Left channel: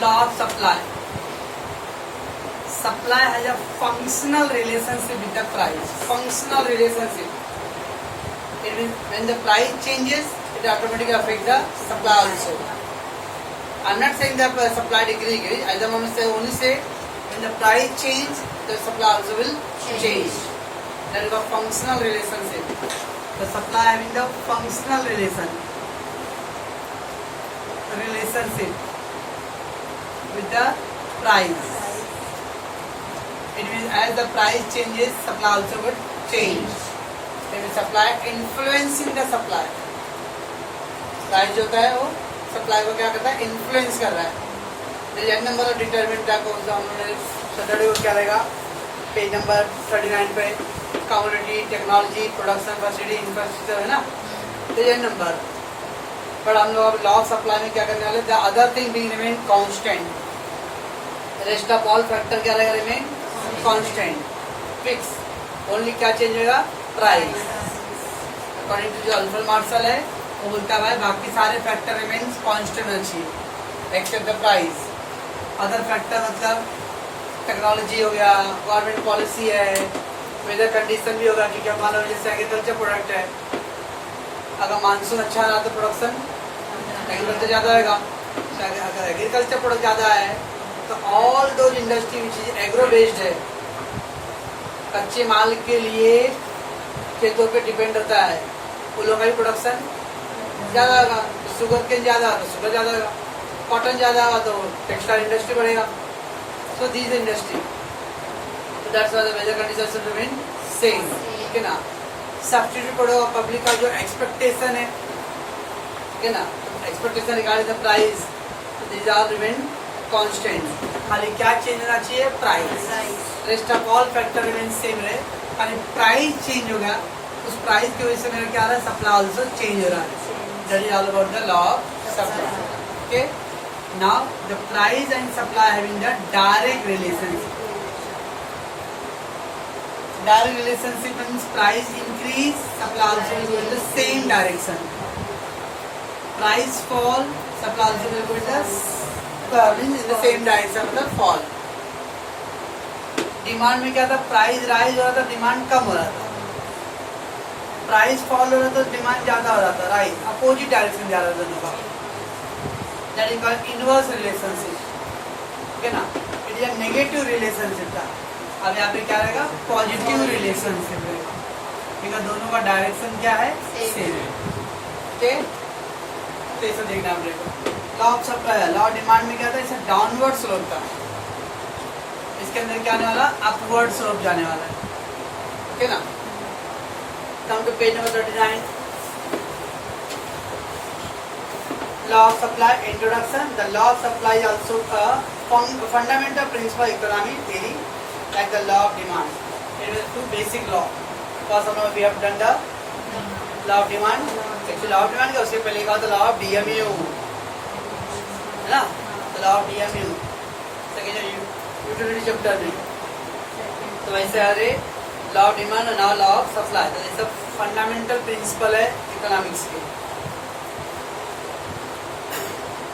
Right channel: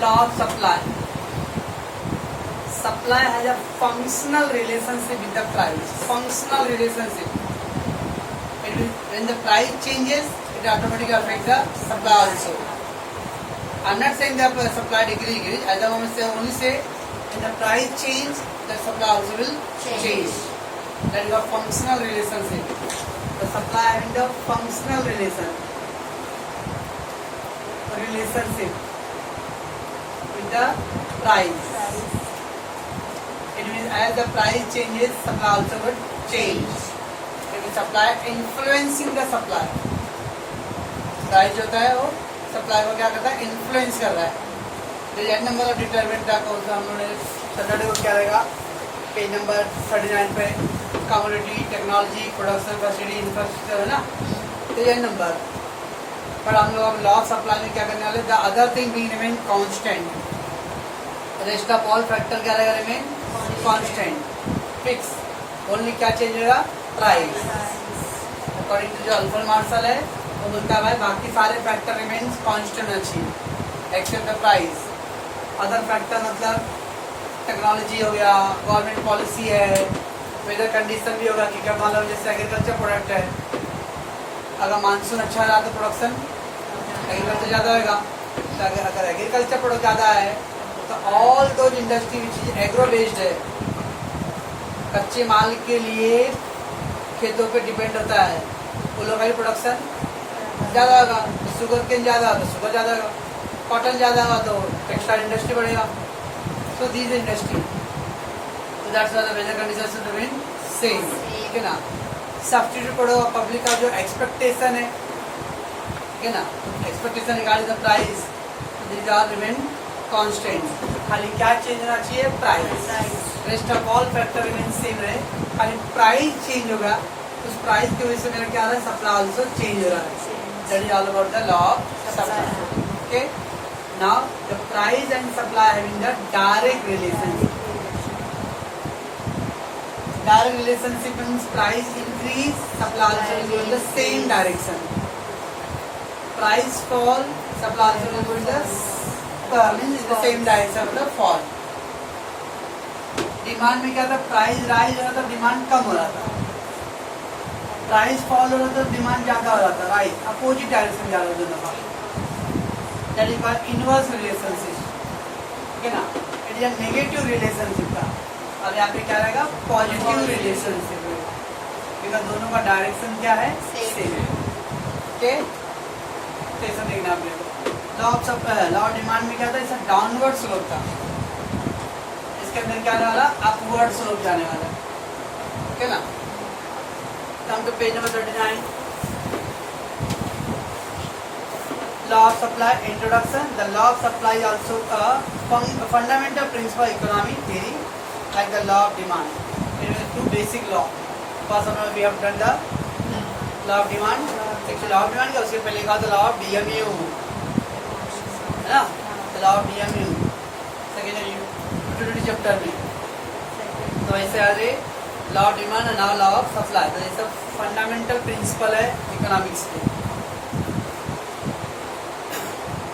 law of supply. Supply has a functional relationship with the price. Functional relationship. It means when the price changes, it automatically affects the supply also. I'm not saying that supply decrease. I don't want to say only say when the price change, the supply also will change. That is a functional relationship. The supply having the functional relationship with the price. It means as the price changes, supply also will change. There is supply influencing the supply. Price जो होता है वो supply को क्या करता है, influence कर रहा है. एग्जैक्ट नंबर ऑफ डिटरमिनेंट का कौन सा हमने सैटरडे को क्या रहेगा, पेज नंबर 39 पे commodity, technology, production, facility, infrastructure है ना, एग्जैक्ट नंबर. पर हम लोग अब लॉ ऑफ सप्लाई में क्या करने वाले, the other thing being remain constant, rest of all factor क्या रहेगा, रिमेन कांस्टेंट, फिक्स. ओनली क्या चेंज होगा, प्राइस. अकॉर्डिंग टू जो अल्फ्रेड मार्शल है वो बोलता है बाकी सारे फैक्टर रिमेन्स कांस्टेंट अच्छी except the price. Other factor मतलब टेक्नोलॉजी हो गया, गवर्नमेंट पॉलिसी है, वेदर कंडीशन भी होगा कि क्या मान लो जैसे एग्रीकल्चर प्रोडक्ट है, अगर मानसून अच्छा रहा तो प्रोडक्शन एग्रीकल्चर ज़्यादा होगा. अगर एग्रीकल्चर प्रोडक्ट ज़्यादा है तो all those industry which is agro based है, कच्चे माल के लिए खेतों पे डिपेंड रहता है, वो लोग का भी प्रोडक्शन ज़्यादा होगा. शुगर केन ज़्यादा होगा तो शुगर ज़्यादा होगा, कॉटन ज़्यादा होगा तो टेक्सटाइल इंडस्ट्री बढ़ेगा. So this industry, so that's why the weather conditions should remain same. ठीक है ना. सब्स्टिट्यूट पढ़ो पब्लिक का जो एक्सपेक्टेशन है, ठीक है ना, expectation regarding the price, this are remain constant. खाली क्या चेंज होना चाहिए, price. Rest of all factor remain same रहे, खाली प्राइस चेंज होगा. उस प्राइस की वजह से मेरा क्या आ रहा है, सप्लाई ऑल्सो चेंज हो रहा है. That is all about the law of supply. Okay, now the price and supply having the direct relationship. Direct relationship means price increase, supply also will go in the same direction. Price fall, supply also will go in the same direction of the fall. Demand में क्या था, price rise हो रहा था, demand कम हो रहा था. Price fall हो रहा था, डिमांड ज्यादा हो रहा था. राइट, अपोजिट डायरेक्शन जा रहा था दोनों का. That is called inverse relationship. ठीक है ना. It is a negative relationship था. अब यहाँ पे क्या रहेगा, पॉजिटिव रिलेशनशिप रहेगा, बिकॉज दोनों का डायरेक्शन क्या है, सेम. ओके, तो ऐसा देखना आप देखो. Law of supply, law of demand में क्या था, इसका डाउनवर्ड स्लोप था. इसके अंदर क्या आने वाला, अपवर्ड स्लोप जाने वाला है. ठीक है ना. Come to page number 39. Law of supply introduction. The law of supply is also a fundamental principle of economic theory, like the law of demand. It is two basic law. First of all, we have done the law of demand. Actually, law of demand का उससे पहले लिखा था law of DMU, है ना, the law of DMU. Second है utility chapter में. तो ऐसे आ रहे law of demand और now law of supply. तो ये सब fundamental principle है economics के.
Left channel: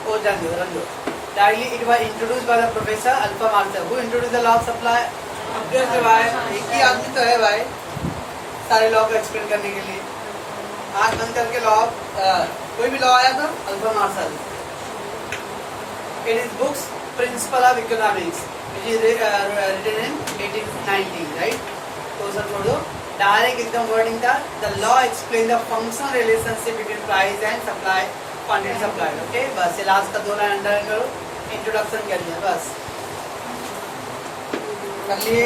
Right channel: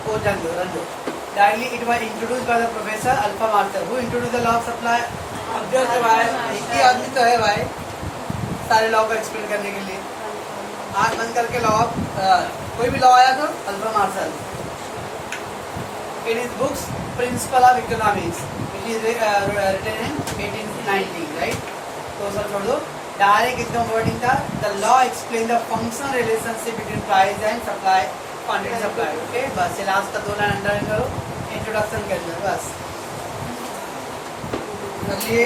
वो जान दो. Daily it was introduced by the professor Alpha Marshall. Who introduced the law of supply? अभ्यस्त भाई, एक ही आदमी तो है भाई सारे लॉ को एक्सप्लेन करने के लिए. आंख बंद करके लॉ, कोई भी लॉ आया तो अल्फा Marshall. It is books principle of economics, it is written in 1890. Right, तो सर छोड़ दो, डायरेक्ट एकदम वर्डिंग था. The law explain the functional relationship between price and supply, quantity supply. Okay, बस ये लास्ट का 2 लाइन अंडर करो, introduction कर दिया बस. समझिए,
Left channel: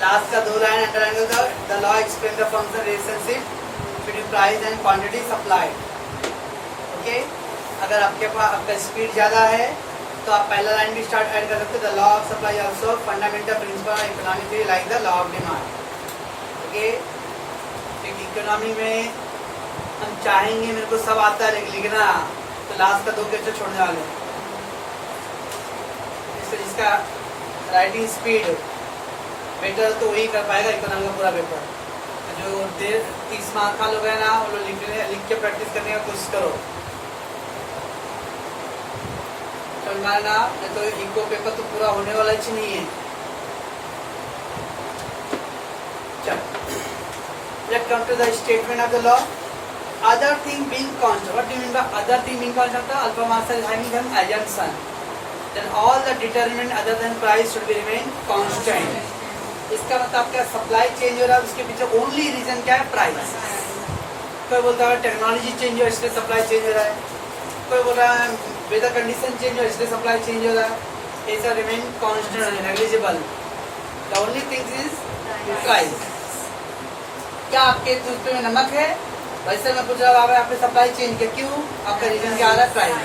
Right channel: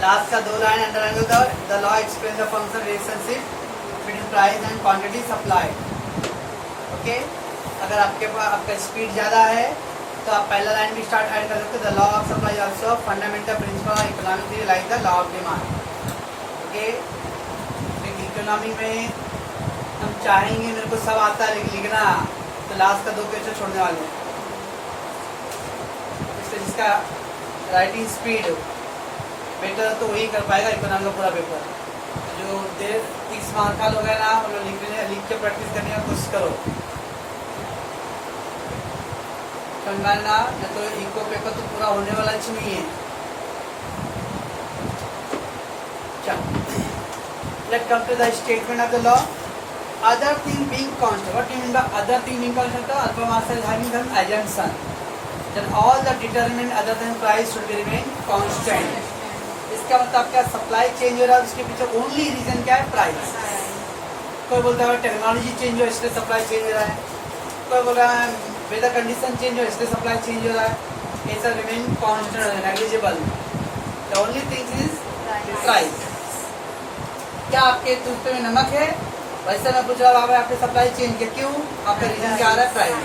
लास्ट का 2 लाइन अंडर का, the law explain the functional relationship between price and quantity supply. Okay, अगर आपके पास आपका स्पीड ज्यादा है तो आप पहला लाइन भी स्टार्ट ऐड कर सकते हो. The law of supply also fundamental principle of economic theory like the law of demand. Okay, economy में हम चाहेंगे मेरे को सब आता है लिखना, तो लास्ट का 2 पेज छोड़ने वाले. जिसका राइटिंग स्पीड बेटर तो वही कर पाएगा इकोनॉमी का पूरा पेपर. जो 30 मार्क का लोग है ना, वो लोग लिख के प्रैक्टिस करने की कोशिश करो. समझना, नहीं तो इको पेपर तो पूरा होने वाला ही नहीं है। चलो, let's come to the statement of the law. Other thing being constant. What do you mean by other thing being constant? Alpha master is having an assumption. Then all the determinant other than price should be remain constant. इसका मतलब क्या, supply change हो रहा है उसके पीछे only reason क्या है, प्राइस। कोई बोलता है टेक्नोलॉजी चेंज हो इसलिए सप्लाई चेंज हो रहा है, कोई बोल रहा है वेदर कंडीशन चेंज हो इसलिए सप्लाई चेंज हो रहा है। ऐसा remain constant negligible, the only thing is price. क्या आपके टूथपेस्ट में नमक है, वैसे मैं पूछ रहा हूँ आपने सप्लाई चेंज किया, क्यों? आपका रीजन क्या आ रहा है, price.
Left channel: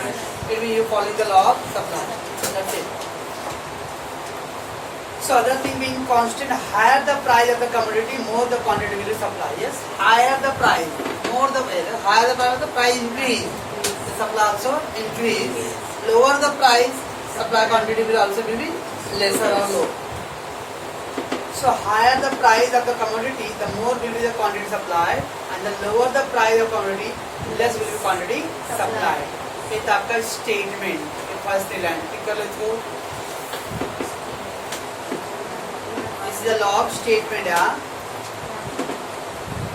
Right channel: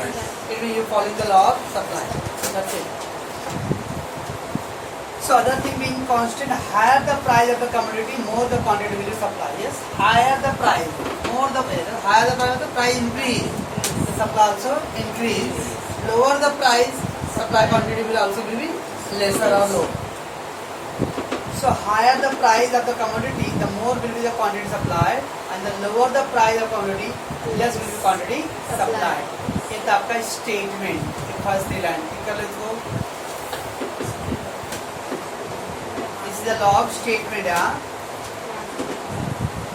It mean you follow the law of supply, that's it. So other thing being constant, higher the price of the commodity, more the quantity will be supplied. Yes, higher the price, more the higher the price increase, the supply also increase. Lower the price, supply quantity will also be lesser or low. So higher the price of the commodity, the more will be the quantity supplied, and the lower the price of commodity, less will be quantity supplied. ये तो आपका statement, first line. ठीक है, let's go. The law of statement है,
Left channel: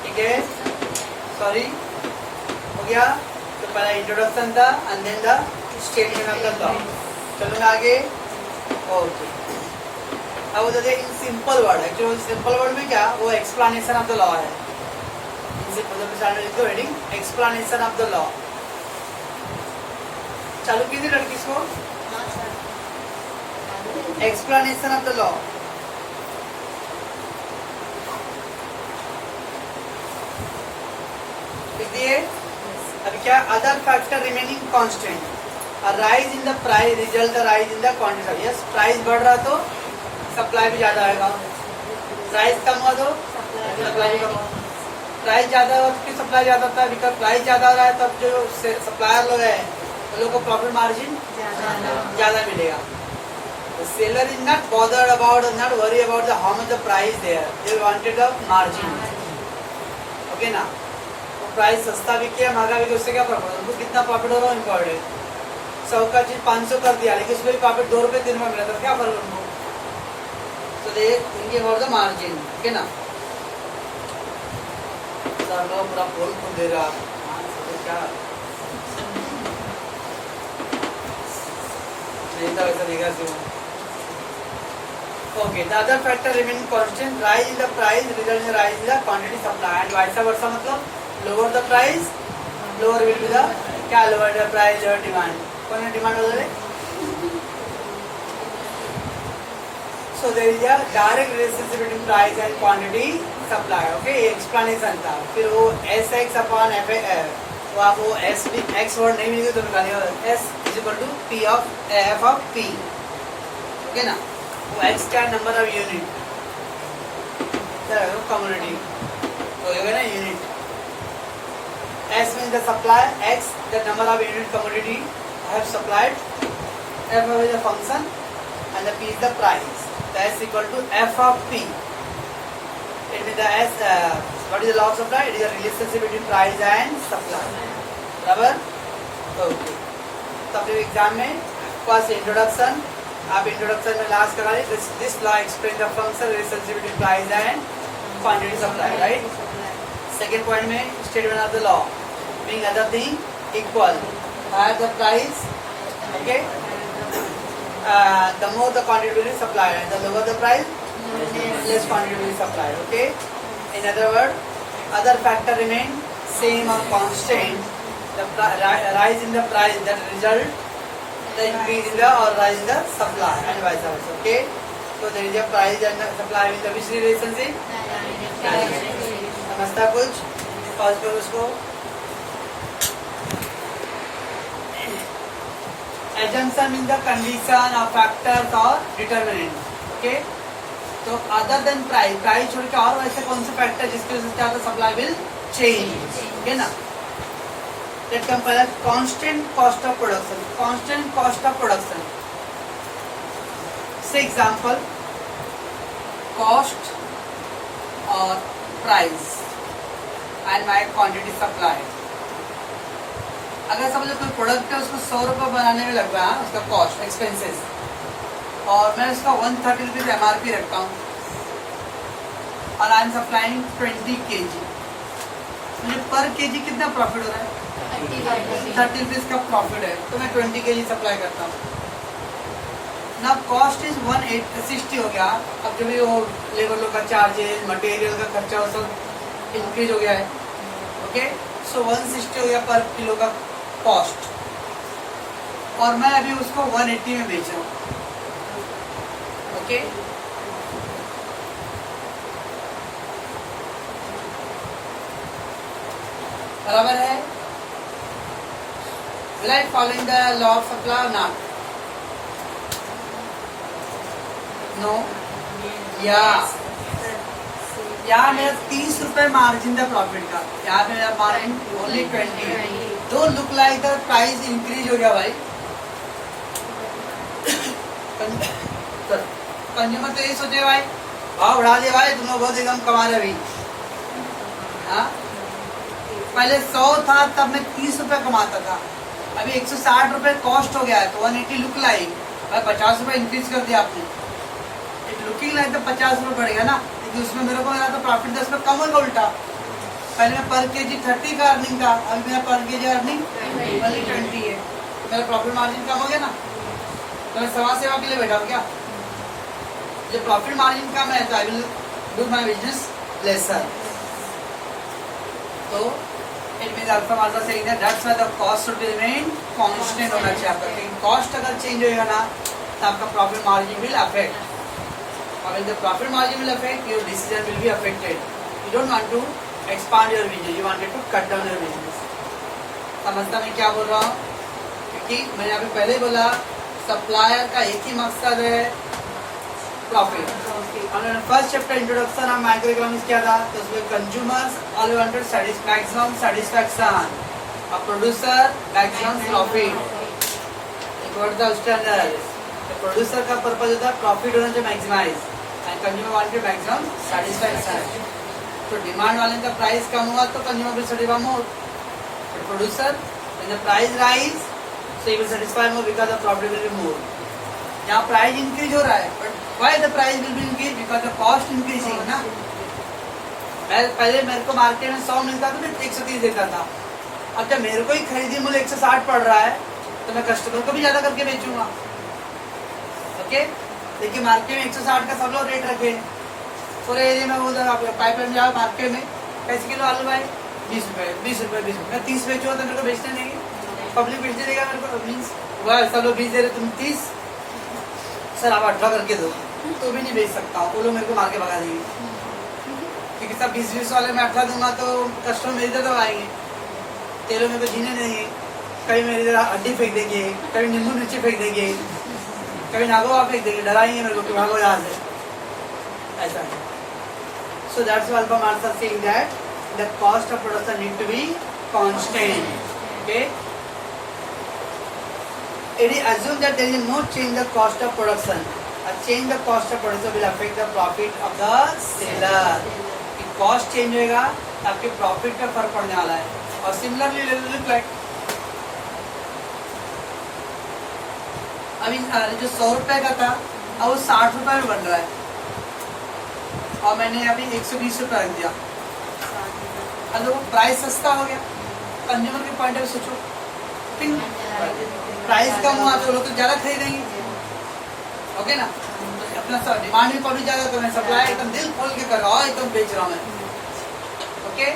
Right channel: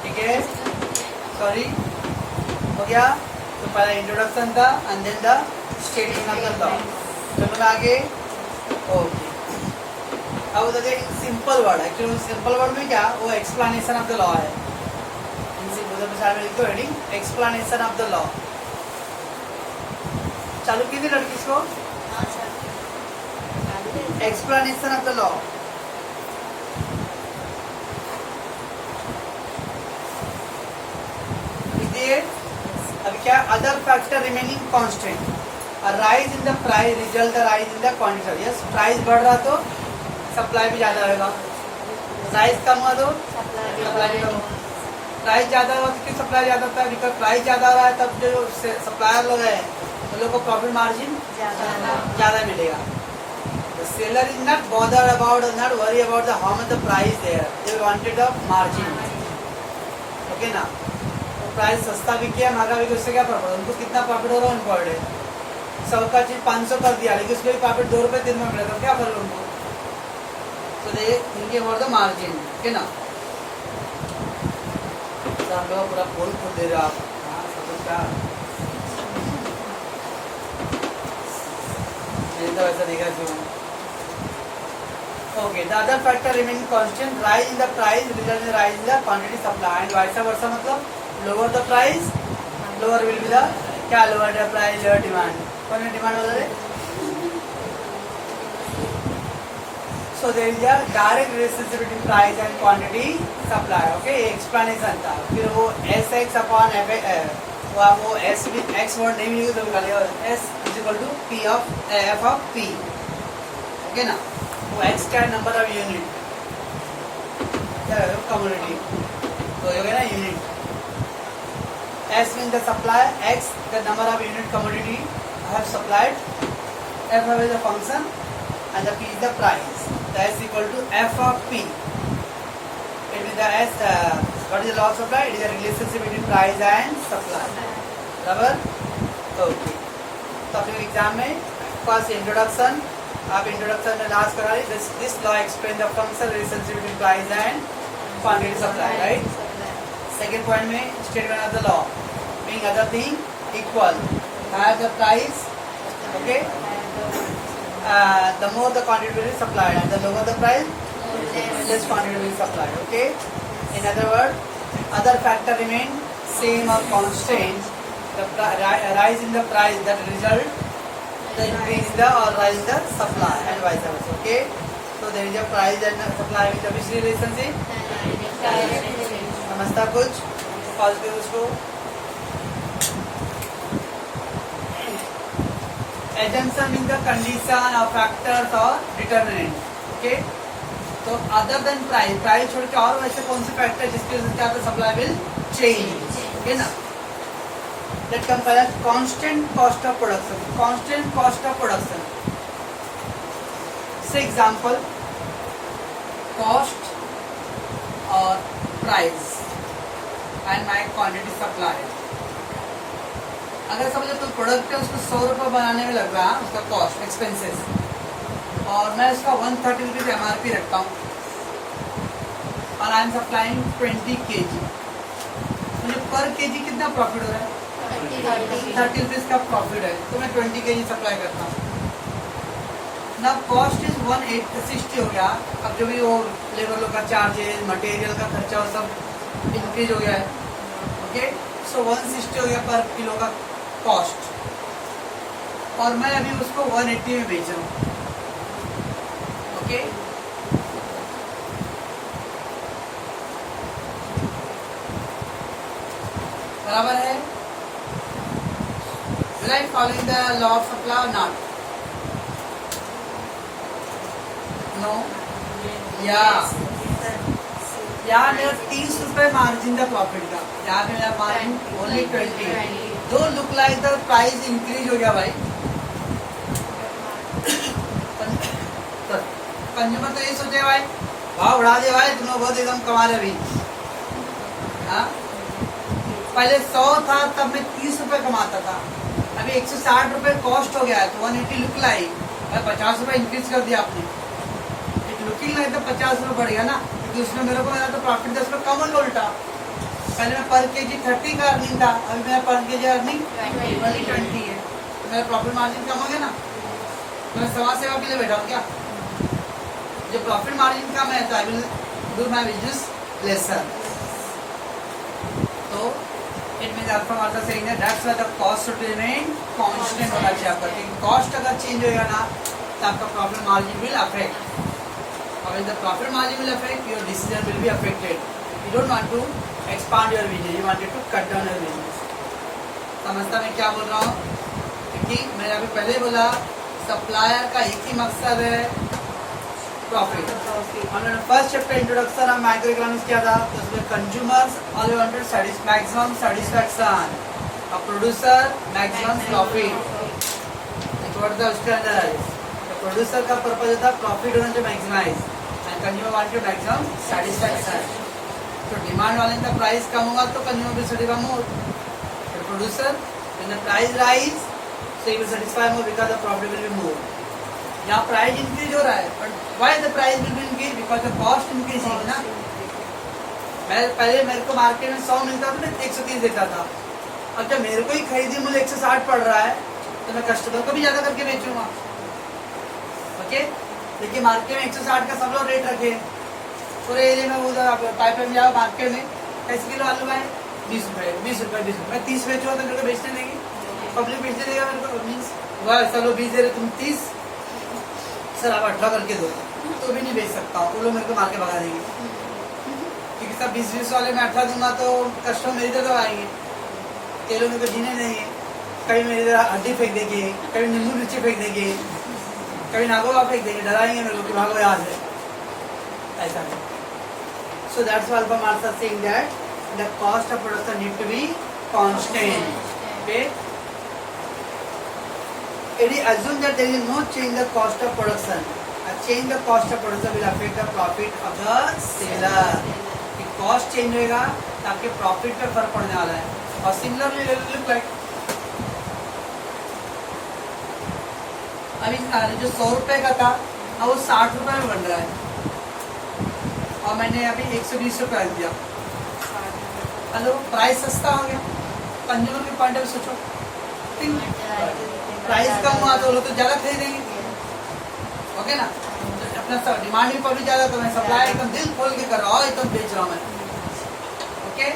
ठीक है, sorry हो गया। तो पहला इंट्रोडक्शन था and then the statement of the law. चलो मैं आगे। ओके, अब देखिए सिंपल वर्ड है, जो सिंपल वर्ड में क्या, वो एक्सप्लेनेशन ऑफ द लॉ है। Heading explanation of the law. चालू कीजिए लड़की इसको, एक्सप्लेनेशन ऑफ द लॉ। अभी क्या, other factor remaining constant, rise in the price result rise in the quantity. Yes, price बढ़ रहा तो सप्लाई भी ज्यादा आएगा, प्राइस कम हुआ तो सप्लाई भी कम। प्राइस ज्यादा हो तो सप्लाई ज्यादा होता है, बिकॉज प्राइस ज्यादा हो रहा है तब जो सप्लायर लोग हैं उन लोग को प्रॉफिट मार्जिन ज्यादा मिलेगा। Seller is not bothered about, not worry about the how much the price there, they wanted the margin. Okay ना, प्राइस सस्ता भी किया महंगा भी, उससे क्या प्रॉफिट, उनको कितना प्रॉफिट हो रहा है पर डे। 100 का चीज 500 कर दिया, लेकिन उसमें प्रॉफिट 2 रुपए दिन में मिला, तो क्या फर्क उनको। तो दे थिंकिंग अबाउट द मार्जिन, ठीक है ना। आप लोग पूरा बोल खोल दे रहे आप, तो क्या वैसा देखा क्यों। Okay, the other factor remaining constant, rise in the price result in rise in the quantity supply, and vice versa, मतलब lower the price lower will be the क्या, lower the price lower demand. कौन है demand वगैरह। So there is a direct relationship between price and quantity supply. Okay, explanation था। फिर वो S x upon F, वो आप वो एस एक्स वर्ड नहीं मिलेगी तो निकालिए, S is equal to P of F of P. Okay ना, वो एक्स क्या नंबर ऑफ यूनिट, कम्युनिटी तो हो गया ना unit. S means the supply, X the number of unit commodity I have supplied, F is the function, and the P is the price. The S equal to F of P. It means the S. What is the law of supply? It is a relationship between price and supply. बराबर? Okay. तो अपने exam में first introduction, आप introduction में last करा ली, this law explain the function relationship between price and quantity supply, right. Second point में statement of the law, being other thing equal, higher the price, okay, the more the quantity will be supplied, and the lower the price, less quantity will be supplied. Okay, in other words, other factor remain same or constant. The rise in the price that result the increase in the or rise in the supply, and vice versa. Okay, so there is a price and supply with the which relationship? समझता कुछ first पे उसको assumption in the condition of factors or determinant. Okay, तो other than price, price छोड़ के और वैसे कौन से फैक्टर जिसकी वजह से क्या होता, सप्लाई विल चेंज। ओके ना, लेट्स कम पहले constant cost of production. Constant cost of production से एग्जांपल, कॉस्ट और price and my quantity supplied. अगर समझो कोई प्रोडक्ट है उसको 100 रुपये बनाने में लग रहा है उसका कॉस्ट एक्सपेंसेस, और मैं उसका 130 रुपीज MRP रखता हूँ और आई एम सप्लाइंग 20 kg, मुझे पर kg कितना प्रॉफिट हो रहा है? 30 रुपीज का प्रॉफिट है, तो मैं 20 kg सप्लाई करता हूँ ना। कॉस्ट इज 160 हो गया। अब जो भी वो लेबर लोग का चार्जेस, मटेरियल का खर्चा वो सब इंक्रीज हो गया है। ओके, सो 160 हो गया पर किलो का कॉस्ट, और मैं अभी उसको 180 में बेच रहा हूँ। ओके, बराबर है? Will I following the law of supply or not? No? Yeah. यहाँ मेरा 30 रुपए मार्जिन था प्रॉफिट का, यहाँ पे मेरा मार्जिन ओनली 20। दो look like the price increase हो गया भाई। कंज्यूमर तो यही सोचे भाई भाव बढ़ा दिया भाई, तुम लोग बहुत एकदम कमा रहे अभी। हाँ, पहले 100 था तब मैं 30 रुपए कमाता था, अभी 160 रुपए कॉस्ट हो गया है, तो 180 लुक लाइक 50 रुपए इंक्रीज कर दिया आपने। एक लुकिंग लाइक तो 50 रुपए बढ़ेगा ना, क्योंकि उसमें मेरे को मिला तो प्रॉफिट 10 रुपए कम होगा उल्टा। पहले मैं पर केजी 30 का अर्निंग था, अभी मेरा पर केजी अर्निंग 20 है, मेरा प्रॉफिट मार्जिन कम हो गया ना। तो मैं सवा सेवा के लिए बैठा हूँ क्या? जो प्रॉफिट मार्जिन कम है तो I will do my business lesser. तो it means alpha margin saying that that's why the cost should remain constant होना चाहिए आपका। लेकिन कॉस्ट अगर चेंज होगा ना तो आपका प्रॉफिट मार्जिन विल अफेक्ट, और if the profit margin will affect your decision will be affected. You don't want to expand your business, you wanted to cut down your business. समझता मैं क्या बोल रहा हूँ? क्योंकि मैंने अभी पहले ही बोला सप्लायर का एक ही मकसद है प्रॉफिट। और first chapter introduction of micro economics क्या था, तो उसमें consumers all wanted maximum satisfaction, और producer maximum profit. What the standard, producer का पर्पज होता है प्रॉफिट होने से maximize, and consumer wanted maximum satisfaction. तो डिमांड वाले का प्राइस कम होगा तो consumer will satisfy more, producer when the price rise so he will satisfy more because the profit will be more. यहाँ प्राइस इंक्रीज हो रहा है, but why the price will be increase? Because the cost increasing ना। पहले मेरे को market में 100 मिलता था, मैं 130 देता था, और जब मेरे को ही खरीदी मूल्य 160 पड़ रहा है तो मैं कस्टमर को भी ज्यादा करके बेचूंगा। ओके, देखिए मार्केट में 160 का सब लोग रेट रखे, पूरे एरिया में उधर पाइप में जाओ मार्केट में कैसे किलो आलू भाई 20 रुपए 20 रुपए 20 रुपए, मैं 30 बेचूंगा तो मेरे को बेचने देंगे, पब्लिक बेचने देगा मेरे को। मीन्स वह सब लोग 20 दे रहे, तुम 30 सर आप 18 करके दो, तो भी नहीं बेच सकता हूँ, वो लोग मेरे को मार के भगा देंगे। क्योंकि सब 20-20 वाले में 18 दूंगा तो कस्टमर मेरी तरफ आएंगे, तेलों मेरे को जीने देंगे, कभी मेरी तरह हड्डी फेंक देंगे, कभी नींबू मिर्ची फेंक देंगे, कभी नागोवा फेंक देंगे, डराएंगे मेरे को कि भागो यहाँ से, ऐसा है। So that's why Alpha Marx are saying that the cost of production need to be constant. Okay. It is assumed that there is no change the cost of production. A change the cost of production will affect the profit of the seller. कि cost change होगा तो आपके profit पर फर्क पड़ने वाला है। और similarly look like अभी जो 100 रुपए का था अब वो 60 रुपए में बन रहा है, और मैंने अभी 120 रुपए रख दिया। हेलो, प्राइस सस्ता हो गया। कंज्यूमर के पॉइंट ऑफ सोचो, प्राइस कम हुआ तो लोग तो ज्यादा खरीदेंगे। ओके ना, तो अपना सब डिमांड भी पब्लिक ज्यादा, तो मैं सप्लाई एकदम दिल खोल के कर रहा हूँ, एकदम बेच रहा हूँ मैं। ओके,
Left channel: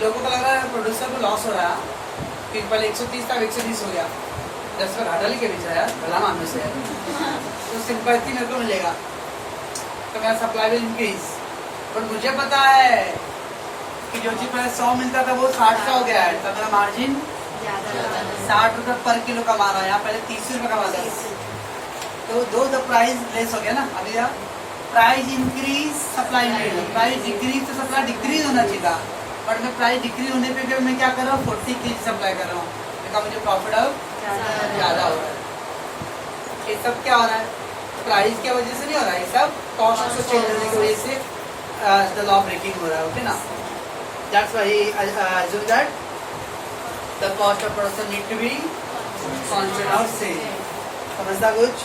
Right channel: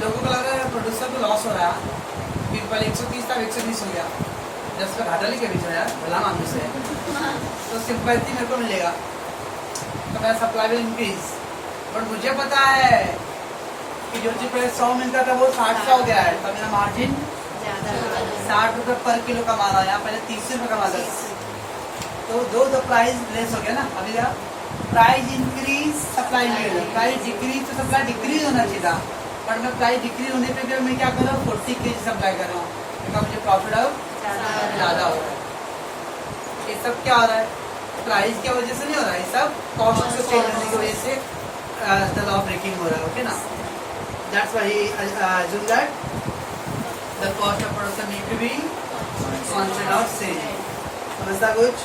लोगों को लग रहा है प्रोड्यूसर को लॉस हो रहा है कि पहले 130 था 120 हो गया, 10 रुपये घाटा लेके बेच रहा है, भला मानने से तो सिंपैथी मेरे को मिलेगा, तो मेरा सप्लाई विल इंक्रीज। बट मुझे पता है कि जो चीज पहले 100 मिलता था वो 60 का हो गया है, तो मेरा मार्जिन 60 रुपए पर किलो कमा रहा है, यहाँ पहले 30 रुपए कमा रहा है, तो दो द प्राइस लेस हो गया ना। अभी price increase supply increase, price decrease तो सप्लाई डिक्रीज होना चाहिए था, बट मैं प्राइस डिक्रीज होने पे भी मैं क्या कर रहा हूँ 40 kg सप्लाई कर रहा हूँ, बिकॉज मुझे प्रॉफिट अब ज्यादा हो रहा है। ये सब क्या हो रहा है? प्राइस की वजह से नहीं हो रहा है, सब कॉस्ट से चेंज होने की वजह से द लॉ ब्रेकिंग हो रहा है। ओके ना, that's why he assumed that the cost of production need to be constant और सेम. समझता कुछ?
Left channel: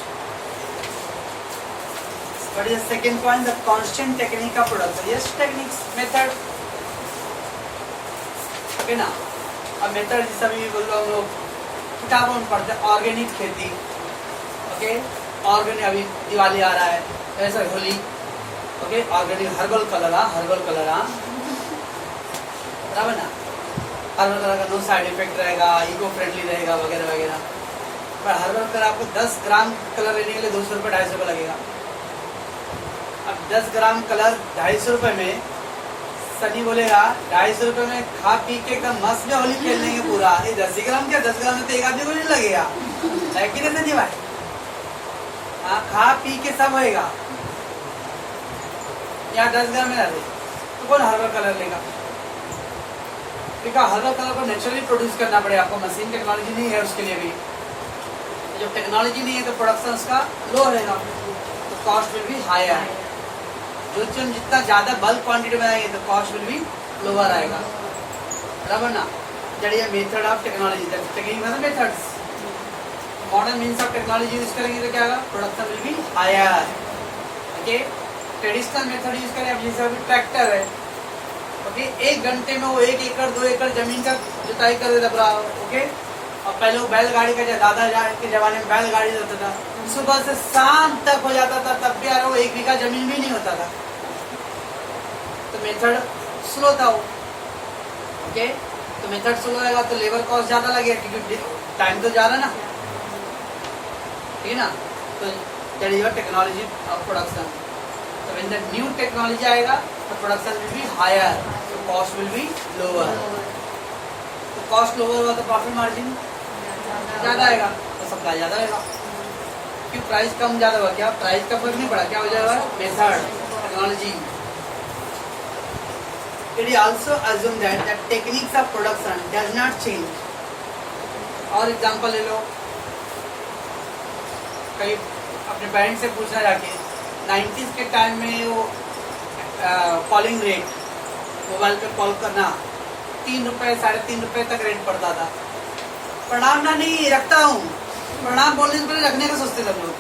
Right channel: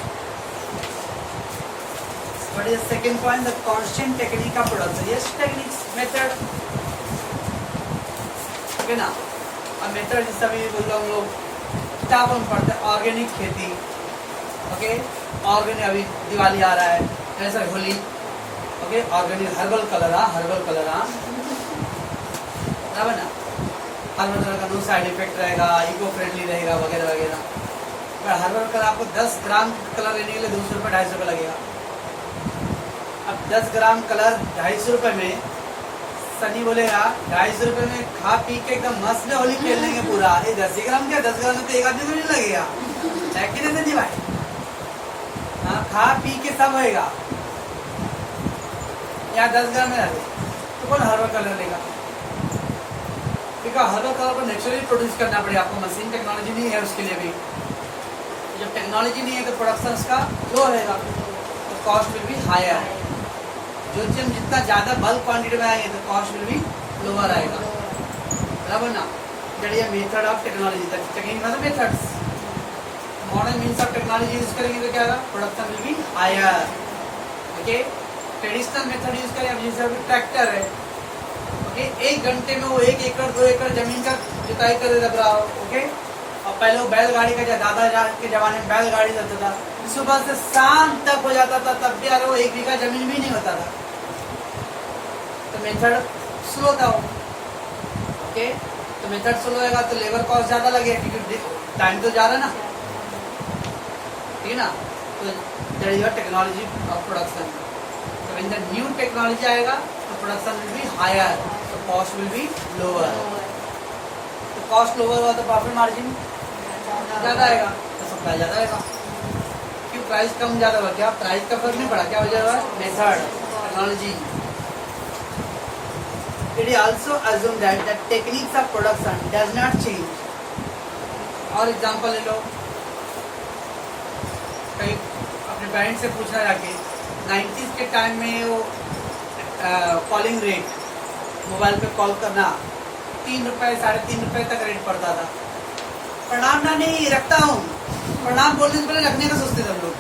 What is the second point? The constant technique of production. Yes, techniques, method. Okay ना? अब method जिस समय बोल रहा हूँ हम लोग किताबों में पढ़ते हैं ऑर्गेनिक खेती. ओके, ऑर्गेनिक अभी दिवाली आ रहा है, ऐसा Holi. Okay, organic herbal colour. Herbal colour बराबर ना? हर्बल कलर का नो साइड इफेक्ट रहेगा, इको फ्रेंडली रहेगा वगैरह वगैरह. पर हर्बल कलर आपको 10 ग्राम कलर लेने के लिए 200 रुपये 250 रुपये लगेगा. अब 10 ग्राम कलर 250 रुपये में सनी बोलेगा 250 रुपये में खा पी के एकदम मस्त में होली खेल लेंगे पूरा. ये 10 ग्राम क्या, 10 ग्राम में तो एक आदमी को नहीं लगेगा, है कि नहीं सनी भाई? हाँ, खा पी के सब होएगा. या 10 ग्राम में डाले तो कौन हर्बल कलर लेगा? देखा, हर्बल कलर को नेचुरली प्रोड्यूस करना पड़ेगा आपको. मशीन टेक्नोलॉजी नहीं है उसके लिए भी. जब टेक्नोलॉजी नहीं है तो प्रोडक्शन उसका लो रहेगा, तो कॉस्ट विल बी हायर. जो चीज जितना ज्यादा बल्क क्वांटिटी में आएंगे तो कॉस्ट विल बी लोअर आएगा. बराबर ना? That is method of technology. Technique मतलब methods. Modern means of technology use करेंगे तो क्या होगा? Production will be higher. Okay, traditional method use करें. अब जैसे अभी ट्रैक्टर है. ओके, 1 घंटे में वो 1 एकड़ 2 एकड़ जमीन का जुताई कर देता है. ओके, और पहले वो बैलगाड़ी का, दादा के जमाने में बैलगाड़ी रहता था, सुबह से शाम तक हो जाता था, तब भी यार वो 1 बीघा जमीन भी नहीं होता था. तो मेथड स्लो था वो. ओके, तो मेथड स्लो रहेगा तो लेबर कॉस्ट ज्यादा लगेगा क्योंकि टाइम तो ज्यादा ना. ठीक है ना? तो that is technology of production. तो व्हेन द न्यू टेक्नोलॉजी आएगा तो प्रोडक्शन विल बी हायर, तो कॉस्ट विल बी लोअर. तो कॉस्ट लोअर हुआ तो प्रॉफिट मार्जिन ज्यादा आएगा, तो सप्लाई ज्यादा आएगा. क्यों? प्राइस कम ज्यादा हुआ. क्या प्राइस का फर्क नहीं पड़ा? क्या हो जाएगा? Method, technology. It is also assume that the techniques of production does not change. और एग्जांपल ले लो, कहीं अपने पेरेंट्स से पूछना जाके 90s के टाइम में वो कॉलिंग रेट, मोबाइल पे कॉल करना 3 रुपए 3.5 रुपए तक रेट पड़ता था. प्रणाम ना नहीं रखता हूँ, प्रणाम बोलने से पहले रखने का सोचते थे हम लोग,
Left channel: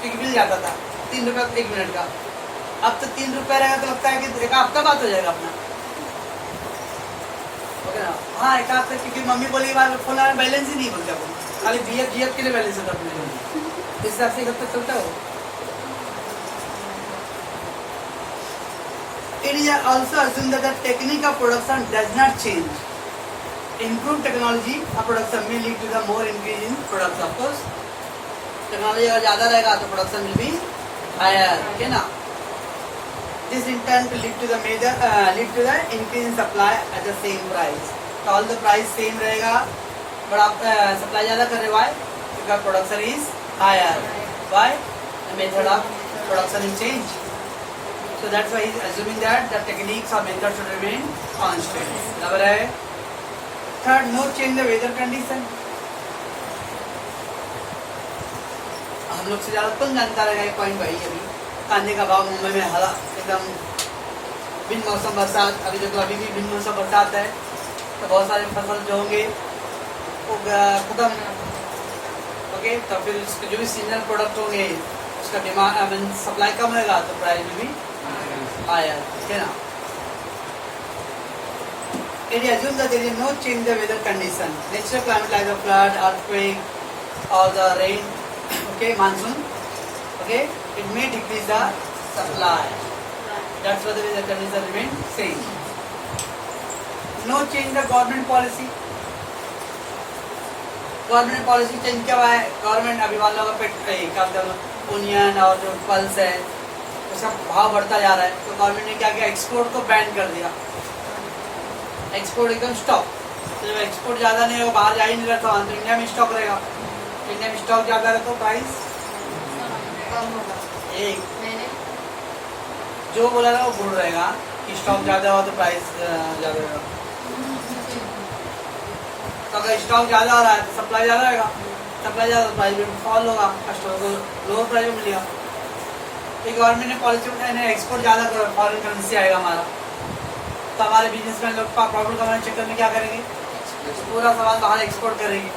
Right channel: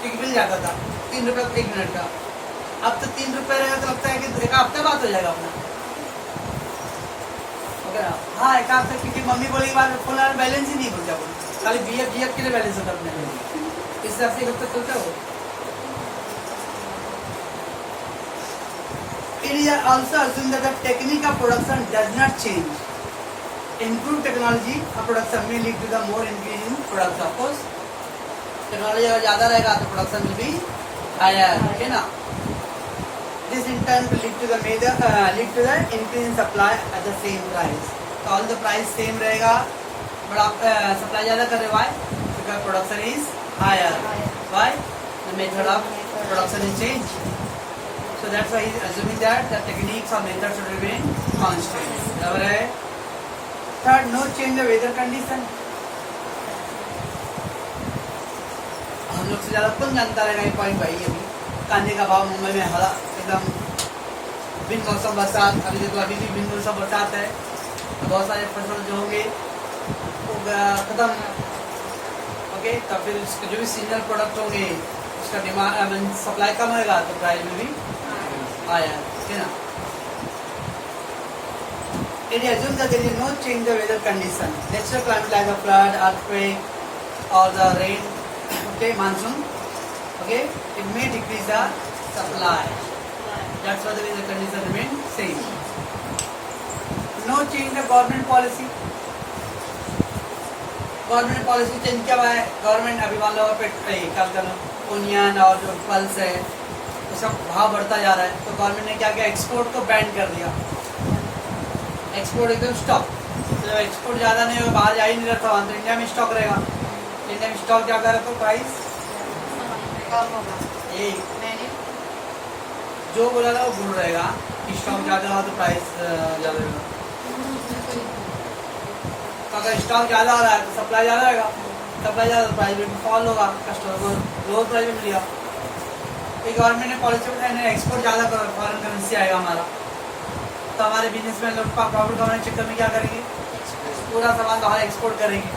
क्योंकि मिल जाता था 3 रुपए 1 मिनट का. अब तो 3 रुपए रहेगा तो लगता है कि एक हफ्ता बात हो जाएगा अपना. ओके ना? हाँ, एक हफ्ता, क्योंकि मम्मी बोली बार फोन में बैलेंस ही नहीं बोलता, खाली BF GF के लिए बैलेंस होता अपने. इस हिसाब से कब तक चलता हो. It is also assumed that the technique of production does not change. Improved technology of production may lead to the more increase in production. Of course, technology अगर ज्यादा रहेगा तो production will be higher. Okay ना? This in turn will lead to the increase in supply at the same price. तो all the price same रहेगा, but आप supply ज्यादा कर रहे. Why? Because production is higher. Why? The method of production is changed. So that's why he is assuming that the techniques or methods should remain constant. बराबर है. Third, no change the weather condition. हम लोग से ज्यादा कौन जानता रहेगा ये पॉइंट भाई. अभी कांदे का भाव मुंबई में हला एकदम बिन मौसम बरसात. अभी देखो, अभी भी बिन मौसम बरसात है तो बहुत सारे फसल जो होंगे वो खत्म. ओके, तो फिर जो भी सीजनल प्रोडक्ट होंगे उसका डिमांड सप्लाई कम होगा तो प्राइस में भी आया. ठीक है ना? It is assumed that there is no change in the weather condition. Natural climate like the flood, earthquake, or the rain, okay, monsoon, okay, it may decrease the supply. That's why the weather condition remain same. No change in the government policy. Government policy change क्या हुआ है? Government अभी मान लो onion और जो pulse है उसका भाव बढ़ता जा रहा है, तो गवर्नमेंट ने क्या किया? एक्सपोर्ट को बैन कर दिया. एक्सपोर्ट एकदम स्टॉप. तो जब एक्सपोर्ट ज्यादा नहीं होगा, बाहर जा ही नहीं रहता, तो इंडिया में स्टॉक रहेगा. इंडिया में स्टॉक ज्यादा रहता तो प्राइस कम होगा. एक जो बोला था वो भूल रहेगा कि स्टॉक ज्यादा हुआ तो प्राइस ज्यादा रहेगा. अगर स्टॉक ज्यादा आ रहा है तो सप्लाई ज्यादा रहेगा, सप्लाई ज्यादा तो प्राइस भी फॉल होगा, कस्टमर को लोअर प्राइस में मिलेगा. ये गवर्नमेंट ने पॉलिसी उठाई, एक्सपोर्ट ज्यादा करो, फॉरेन करेंसी आएगा हमारा, तो हमारे बिजनेसमैन लोग प्रॉफिट कमाने के चक्कर में क्या करेंगे? पूरा सामान बाहर एक्सपोर्ट करेंगे,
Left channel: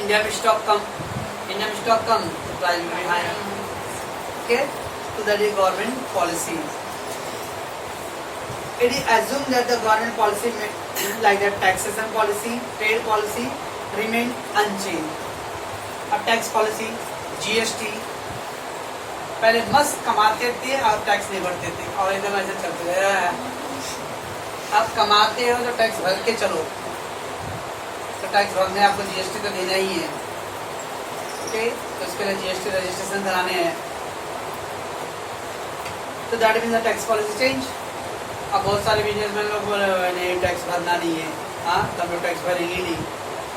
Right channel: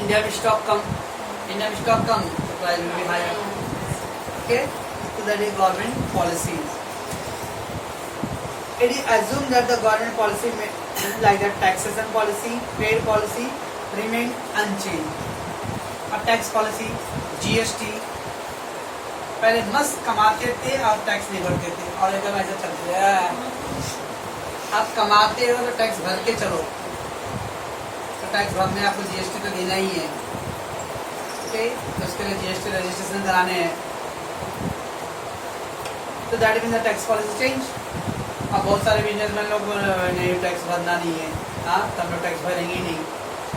इंडिया में स्टॉक कम, तो price will be higher. Okay, so that is government policy. It is assumed that the government policy like that taxation policy, trade policy remain unchanged. अब टैक्स पॉलिसी, जीएसटी, पहले मस्त कमाते थे और टैक्स नहीं भरते थे और एकदम ऐसे चलते रहे. आप कमाते हो तो टैक्स भर के चलो, तो टैक्स भरने आपको जीएसटी तो देना ही है. ओके, तो उसके लिए जीएसटी रजिस्ट्रेशन कराने हैं. तो that means the tax policy change. अब बहुत सारे बिजनेसमैन लोग बोल रहे हैं टैक्स भरना नहीं है, हाँ तो हम लोग टैक्स भरेंगे ही नहीं,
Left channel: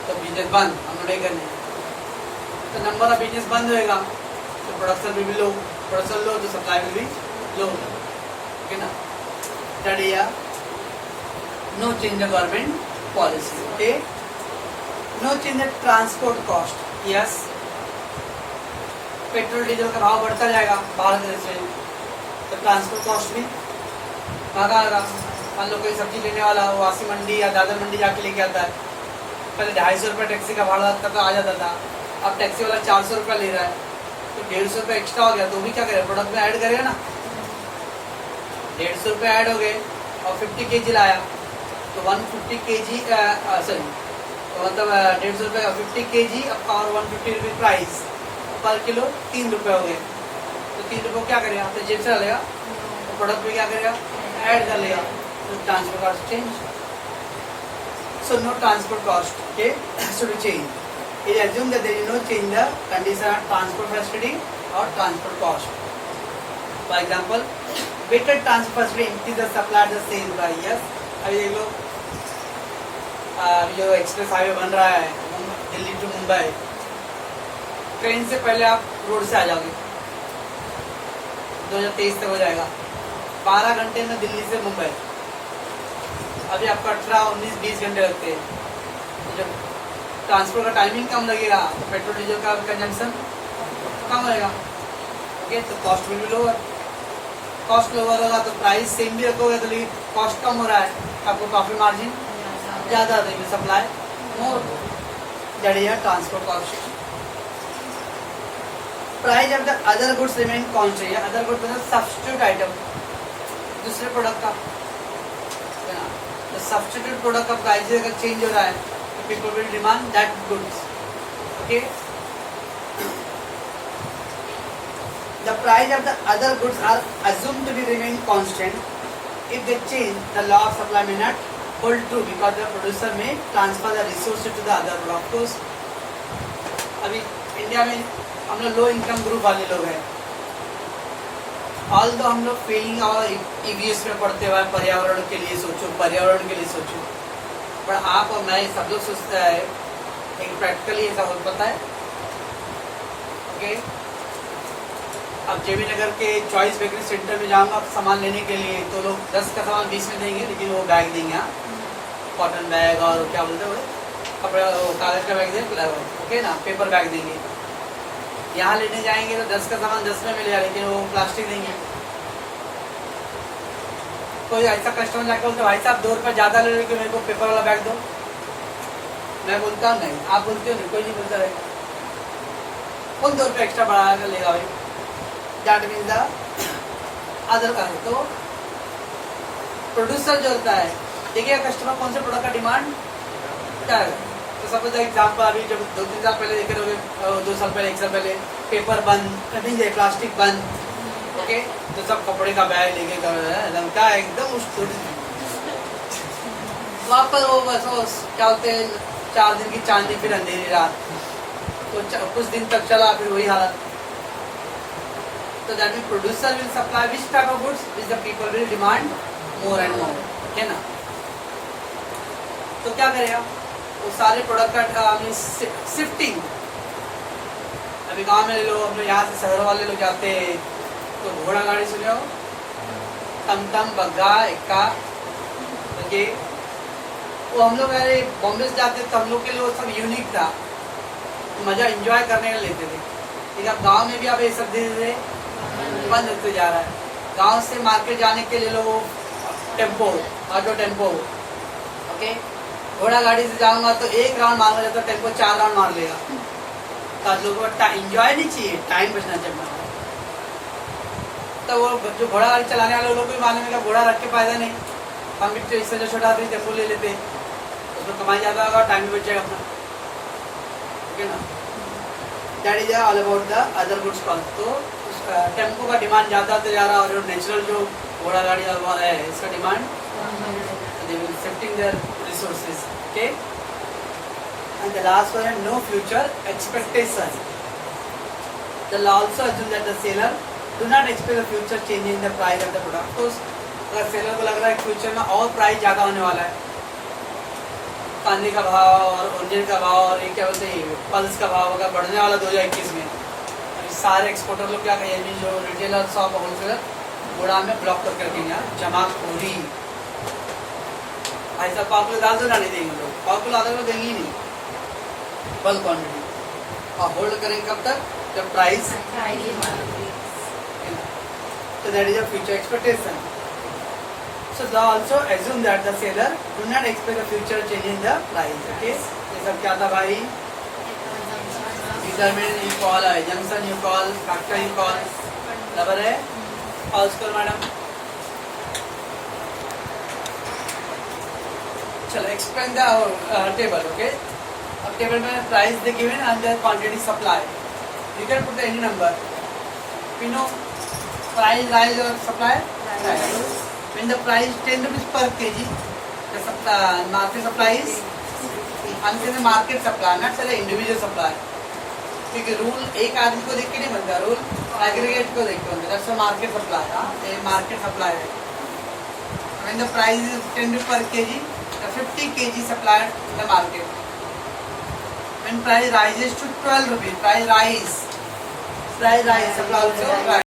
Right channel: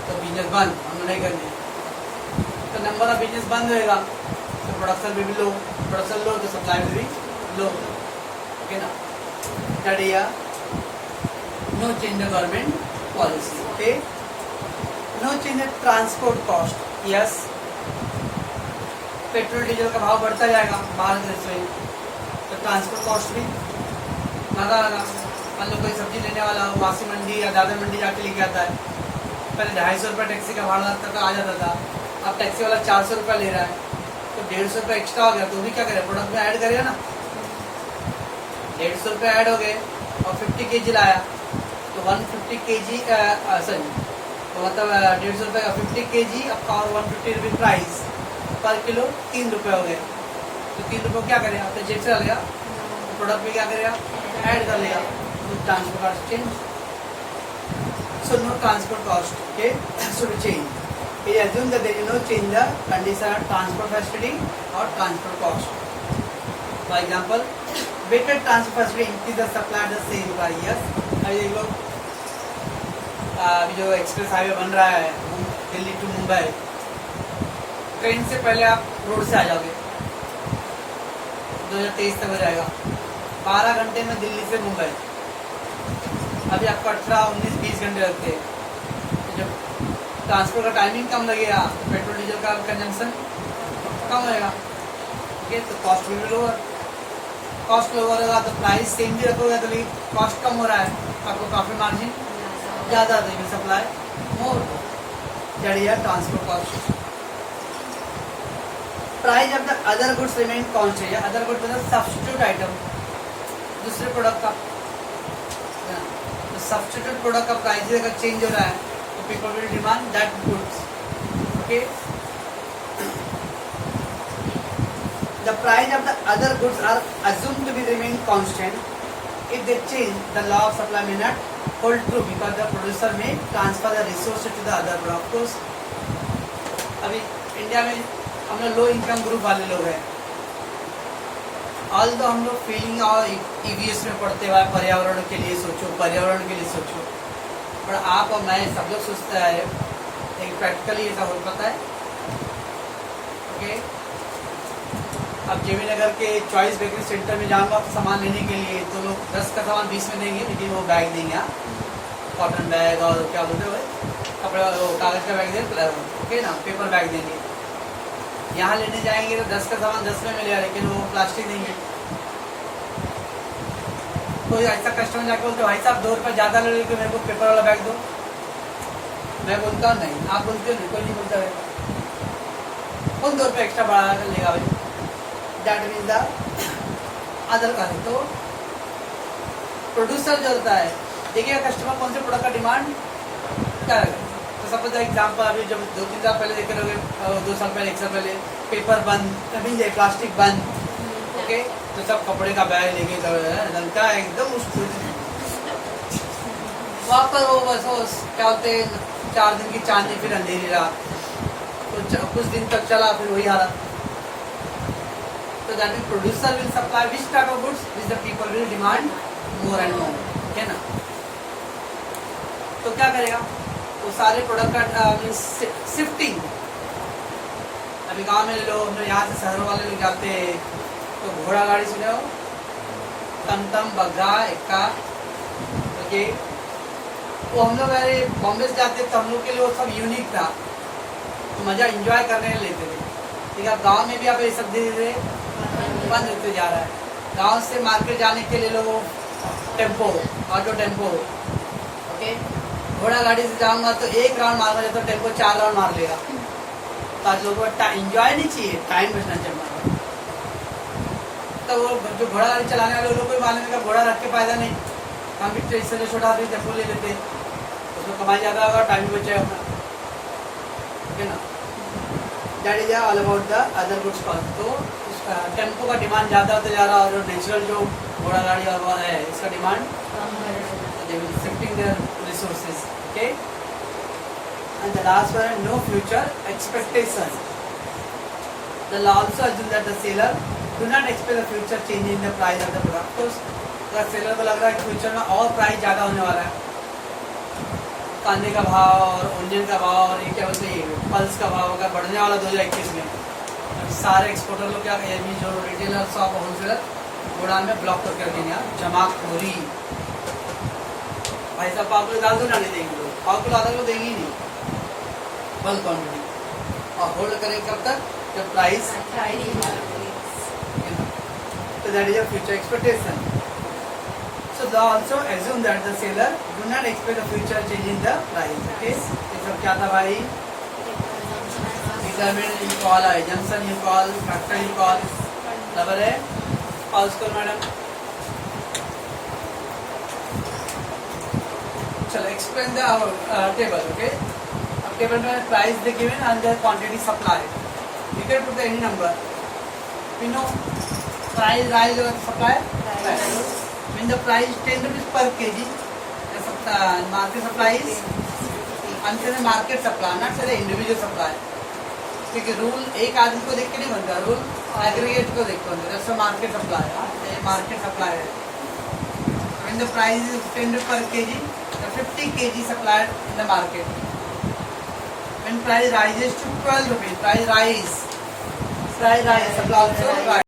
तो बिजनेस बंद, हम लोग नहीं करेंगे. तो नंबर ऑफ बिजनेस बंद होएगा, तो प्रोडक्शन भी लो, प्रोडक्शन लो तो सप्लाई भी लो. ओके ना, that is no change the government policy. Okay, no change the transport cost. Yes, petrol diesel का भाव बढ़ता जाएगा बाहर देश से, तो ट्रांसपोर्ट कॉस्ट भी महंगा आएगा. मान लो कोई सब्जी लेने वाला हो, वासी मंडी या दादर मंडी जाके लेके आता है, पहले 250 रुपये टैक्सी का भाड़ा तो आ जाता था, अब टैक्सी वाला 400 रुपये ले रहा है, तो 150 रुपये एक्स्ट्रा हो गया. तो भी क्या करेगा, प्रोडक्ट में ऐड करेगा ना. 150 रुपये ऐड हो गए और 50 kg लाया, तो 150 kg सॉरी, तो मतलब 150 रुपये का 50 kg और 150 रुपये प्राइस पर किलो 3 रुपये हो गए. तो 3 रुपये क्या करेगा, तो जेब से डालेगा, तो प्रोडक्ट में क्या करेगा, ऐड कर लेगा. तो transport cost change. So no transport cost. Okay, should change. It assumes that there is no change in the condition of transport facility or transport cost. For example, better transport facility increase the supply at the same price. Yes, अभी देख लो, जो express highway बन रहा है Delhi to Mumbai, train से पहले आप road से आ जाओगे, 2023 तक हो जाएगा. 12 घंटे में दिल्ली से मुंबई. अभी आपका 18, 19, 20 घंटे लगते हैं. जब ट्रांसपोर्ट का टाइमिंग कम लगेगा, पेट्रोल डीजल का कंजम्पशन कम लगेगा. ओके, तो कॉस्ट भी लोअर. कॉस्ट लोअर होगा तो प्राइस सेम भी रखोगे, तो लेकिन कॉस्ट कम हो रहा है, आपको प्रॉफिट मार्जिन ज़्यादा देगी, सप्लाई मोर. जड़िया transport cost. Price of the other goods remain constant. Other goods मतलब सब्स्टिट्यूट आइटम, दूसरे प्रोडक्ट का, तो सब्स्टिट्यूट प्रोडक्ट का प्राइस अगर चेंज हो रहा है, people will demand that goods. Okay, the price of the other goods are assumed to be remain constant. If they change, the law of supply may not hold true because the producer may transfer the resources to the other product. Of course, अभी India में हम लोग low income group वाले लोग हैं. All दो हम लोग फीलिंग और ईवीएस में पढ़ते हुए पर्यावरण के लिए सोचो, पर आप और मैं सब लोग सोचता है एक प्रैक्टिकली ऐसा हो पाता है. ओके, अब जेबी नगर के चॉइस बेकरी सेंटर में जाऊंगा सामान लेने के लिए, तो लोग 10 का सामान 20 में देंगे, लेकिन वो बैग देंगे, कॉटन बैग और क्या बोलते हुए कपड़े, कागज का बैग देंगे. ओके ना, पेपर बैग देंगे. यहाँ लेने जाएंगे तो 10 का सामान 10 में मिलेगा, लेकिन वो प्लास्टिक देंगे. कोई ऐसा कस्टमर जाकर बोलते भाई साहब 2 रुपये ज़्यादा ले लेके मेरे को पेपर वाला बैग दो. मैं बोलता हूँ नहीं, आप बोलते हो नहीं, कोई नहीं बोलता है. कौन 2 रुपये एक्स्ट्रा बढ़ा कर लेगा भाई. दैट मीन्स द अदर का है. तो प्रोड्यूसर जो होता है, देखिए कस्टमर कौन से प्रोडक्ट का डिमांड क्या है. तो सपोज एग्जाम्पल, अभी जब 2-3 साल पहले देखे रहोगे, 2 साल पहले, 1 साल पहले पेपर बंद, कभी प्लास्टिक बंद. ओके, तो सब कपड़े का बैग लेके लड़का एकदम वहाँ पर वो बस वो क्या होते हैं, 4 दिन की चांदी फिर अंधेरी रात, तो कुछ दिन तक चला, फिर वही हालत. तो that mean producer will supply which type of goods which the people will demand more and more. है ना, तो क्या करेगा, वो सारे प्रोडक्ट का शिफ्टिंग. अभी गाँव में लोग, हम लोग यहाँ से शहर वाले लोग जाते हैं, तो घोड़ा गाड़ी सुने हो, टमटम, बग्घा, इक्का. ओके, वो हम लोग अरे बॉम्बे से जाते तो हम लोग के लिए वो सब यूनिक था, मजा एंजॉय करने के लेते थे. ठीक है, गांव में भी अब ये सब धीरे धीरे बंद होते जा रहा है. गांव से मार्केट जाने के लिए लोग टेम्पो, ऑटो टेम्पो, ओके, घोड़ा गाड़ी से जाऊंगा तो एक राउंड मारूंगा तो टेम्पो 4 राउंड मार लेगा। तो आज लोगों को एंजॉय नहीं चाहिए, टाइम बचना चाहिए। तो वो जो घोड़ा गाड़ी चलाने वाले लोग को मालूम है कि घोड़ा रख के फायदा नहीं, हम भी इससे छोटा आदमी टेम्पो ले लेते, उसमें कमाई ज्यादा होगा, टाइम भी बचेगा अपना, ओके ना। That is all about the other goods cost. तो टेम्पो का डिमांड ज्यादा होते जा रहा है और जो नेचुरल जो घोड़ा गाड़ी है इसका demand they will shifting their resources, okay. And the last one, no future expectation. The law also assumes that the seller do not expect a future change in the price of the product. तो अगर seller को लग रहा है future में और price ज्यादा होने वाला है, कांदे का भाव और ओनियन का भाव और ये क्या बोलते हैं पल्स का भाव अगर बढ़ने वाला 2021 में, सारे एक्सपोर्टर लोग क्या कहेंगे, जो रिटेलर शॉप होलसेलर गोडाउन में ब्लॉक करके रखेंगे, जमाखोरी। भाई साहब पाव किलो दाल तो नहीं देंगे लोग, पाव किलो आधा किलो देंगे ही नहीं, बल्क क्वान्टिटी। और होल्ड करेंगे कब तक, जब price. So that is a future expectation. So they also assume that the seller do not expect a future change in the price. Okay, ये सब क्या था भाई? Determinant you call, assumption you call, factor you call, बराबर है? और उसको madam चलो एक्सप्लेन द टेबल, ओके। अब टेबल में price they given and the quantity supply, you can put the any number, you know price rise or supply rise. When the price 10 rupees per kg, the market supply is until market supply, not say individual supply. क्योंकि rule एक आदमी को देख के नहीं बनता, rule aggregate को देख के बनता है। So market supply, ये market supply है। When the price is 10 rupees per kg, the 50 kg supplied in the market. When price rises to 12 rupees, price rise, supply also rise.